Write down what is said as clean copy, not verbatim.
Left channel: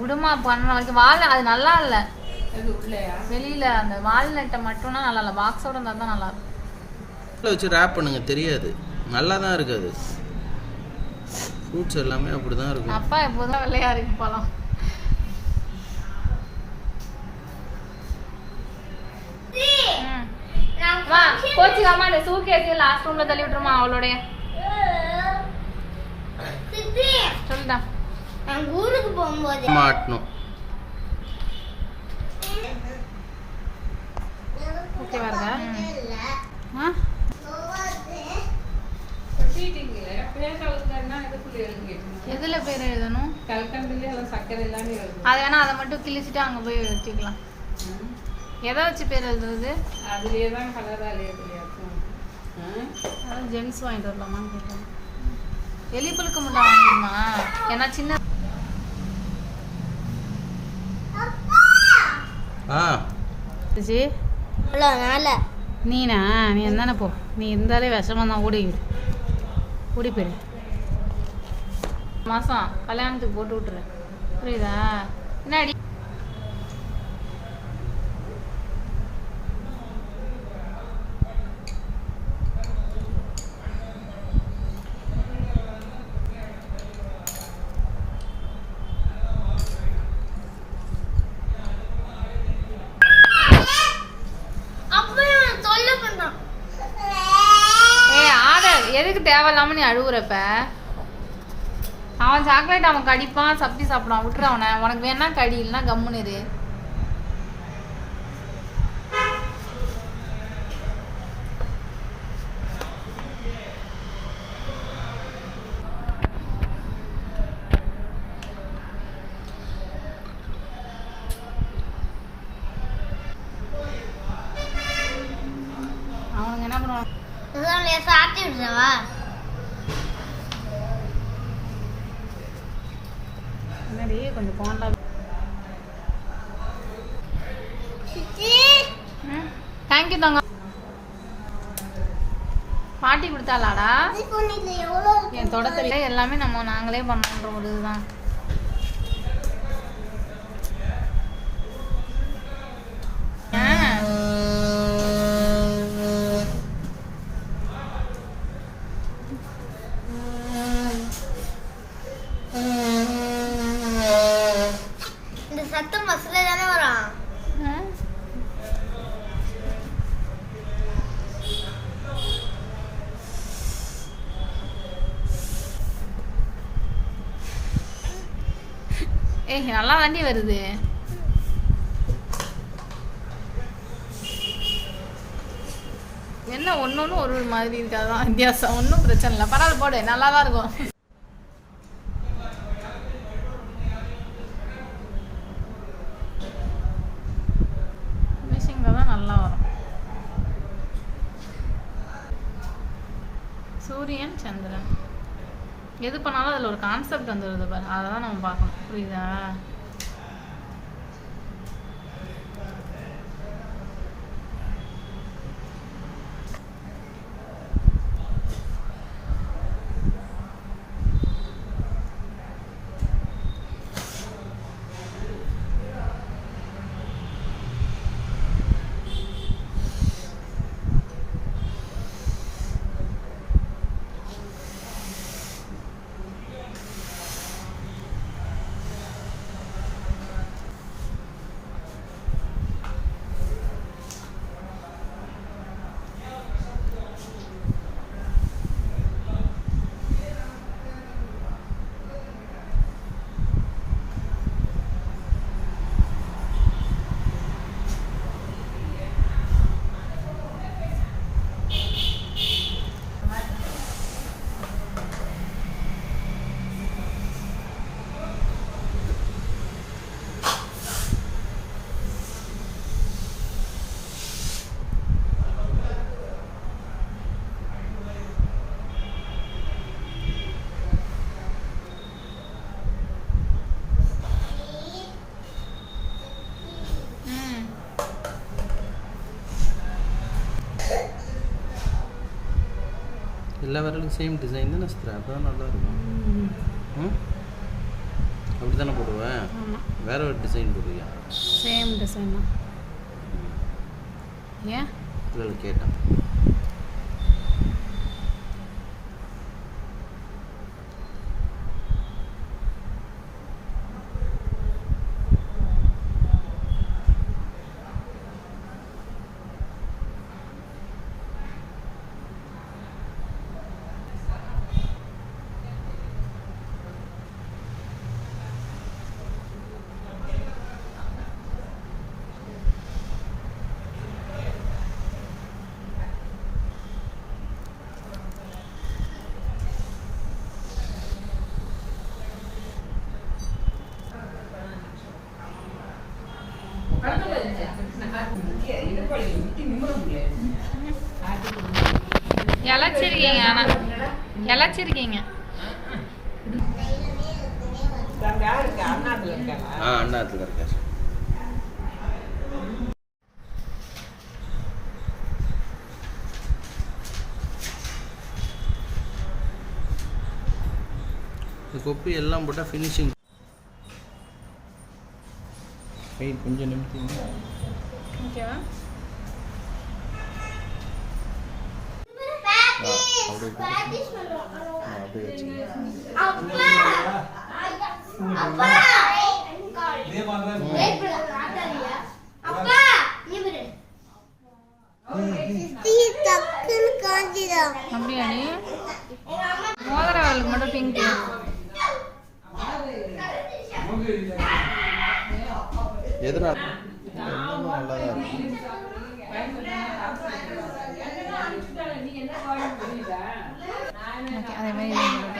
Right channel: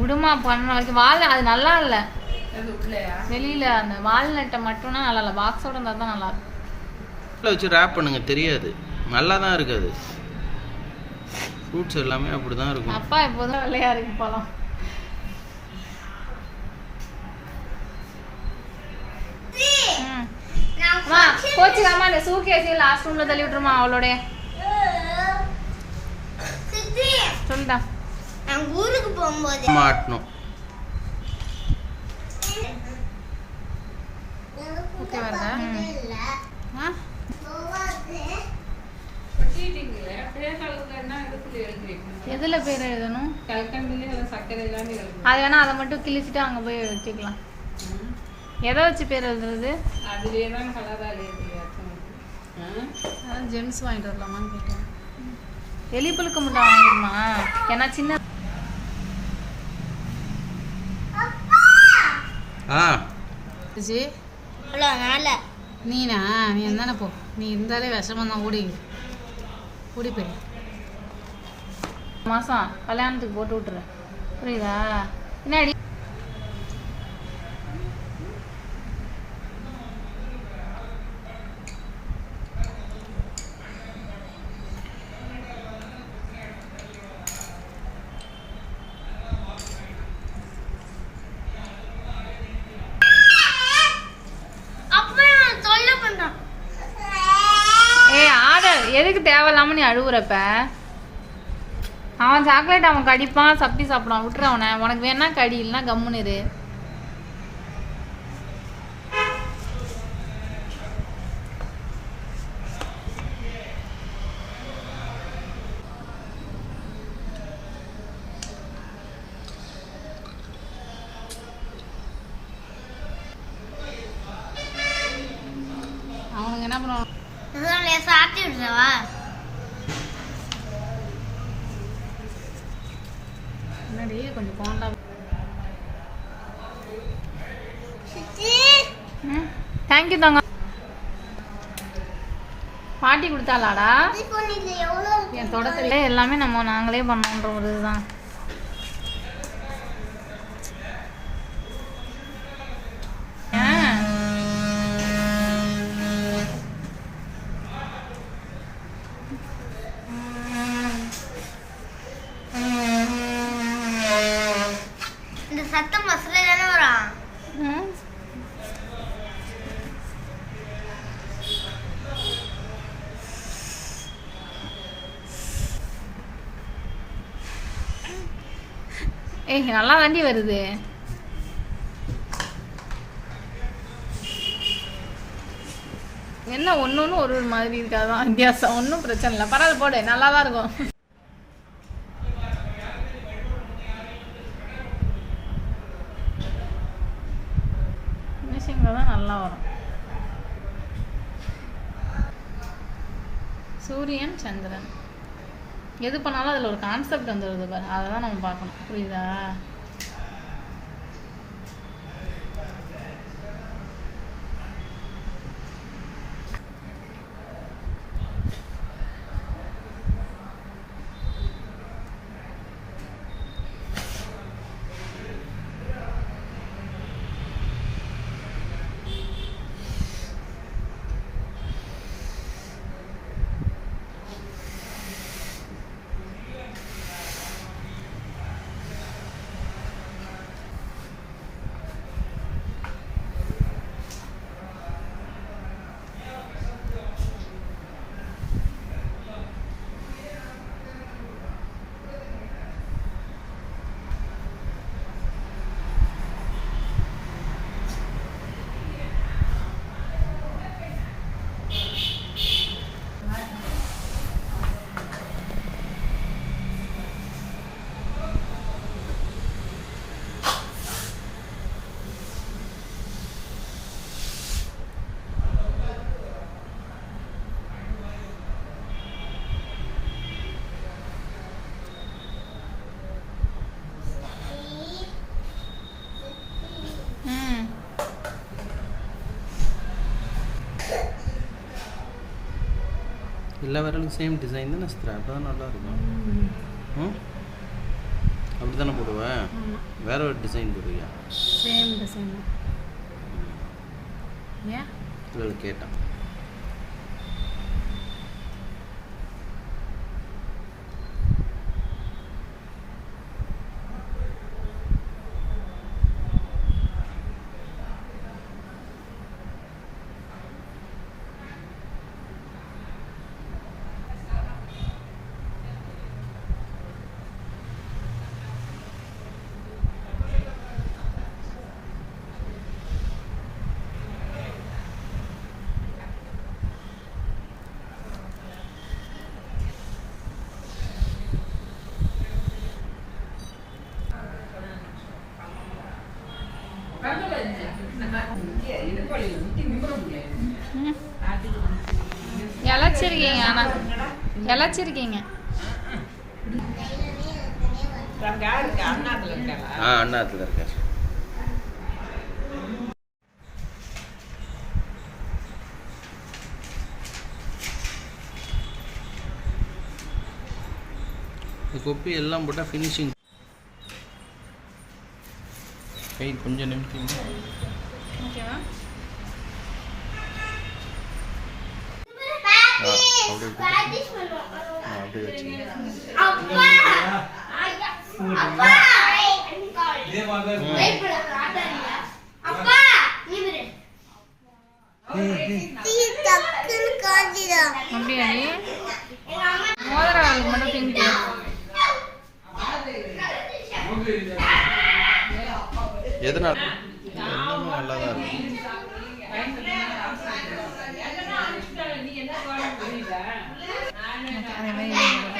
விடுமா பண்ண வரைக்கும் வாழை அது நல்லா இல்ல. வெளியில அந்த வால்நட்டை மட்டும்னா நல்லா இல்ல, பாக்ஸோட இருந்தா தான் நல்லா இருக்கும். வச்சு ரேப் பண்ணுங்க, தெரியாது, நல்லா தான் இருக்காது. ஃப்ரூட்ஸ் எல்லாமே அப்படிதான் இருக்கும். அப்பா எப்போதும் வெள்ளையா இருக்கு பழம். கோச்சிக்காம அந்த சூட்கேஸ் லாஸ்ட் ரூம்ல தள்ளி விட்டுருமா அவளோட. சொல்லிட்டா நான் ஊருக்கு போகும்போது மாட்டணும். ஓகே வரதா? எதுல பேர் எழுதணும்? அது வேணா அதை மட்டும் கிழிச்சிட்டு அங்க போய் வச்சுக்கலாம். எதை வச்சு பேர் எழுதுறது? அதுலேயேதான் கலராக அதான் ஜெம்ஸ் வாங்கிட்டு வரலாமான்னு கேட்டேன். எலிப்புழுக்க முட்டை வாங்கிடுமா? ஏன்னா சின்ன நீனா நீ இருந்தானே போ. நீ இருந்தாலே விஷமம் தான். ஓடி போயிடு. மாதம் கல்யாணத்துக்கு போட்டு விட்டுறேன், புரியுதா? என்னடி எதுக்கு தேவையில்லாம நீ அழுகுறப்ப? அவன் சாக்லேட் அவன் கடிப்பான், சப்பி சாப்பிடுவான், விட்டுற அவனை. உனக்கு வேணா கடி, இல்லைன்னா கம்முன்னு இரு. அவனுங்க என்ன பண்ணுவான்? கொஞ்சம் போண்டா. தேங்க்யூ தாங்க. பாட்டி கொடுத்தாளாடா? என் தொடத்துல எல்லாமே நாங்களே பண்ணோன்ற ஒரு இதுதான். சத்தம் மசாலா தானே வரும். நல்லா தாண்டி வருது. என்ன ஒன்று ஒரு மாதிரி இருக்காதான் வித்தியாசம். ஒன்றும் பிரச்சனை இல்லை, பரவாயில்ல போடு, நல்லா தான் இருக்கும். தான் நல்லா வரும். சூரியன் சந்திரன் எது பண்ணாலும் அதில் ஒரு கான்செப்ட் வந்துடுது பாரு, அதை தான் நம்ம பார்க்கணும், புரியுதா? எல்லா விரலுக்கும் சேம் டிசைன் தானே சித்ரா, அப்போ தான் நல்லாயிருக்கும். ம், அப்படி தானே போடுவேன். வேற ஒரு டிசைன் போடுவியா? சேம் டிசைன் தான். ஏன் இல்லை கேட்டேன். இழைச்சிருக்கீங்க, இழைச்சிருக்கீங்க. அண்ணாத்துல இருக்கார். இந்த கொப்பி எல்லாம் போட்டால் ஃபினிஷிங். கை கொஞ்சம் நிமிட்டிங்க. ஓகேவா? அப்படியே வச்சுங்க. அப்படியா? நீ மோதிரம் மட்டும் பிங்க். எதனால? எல்லாமே நல்லா தான் இருக்கும். அதே மாதிரி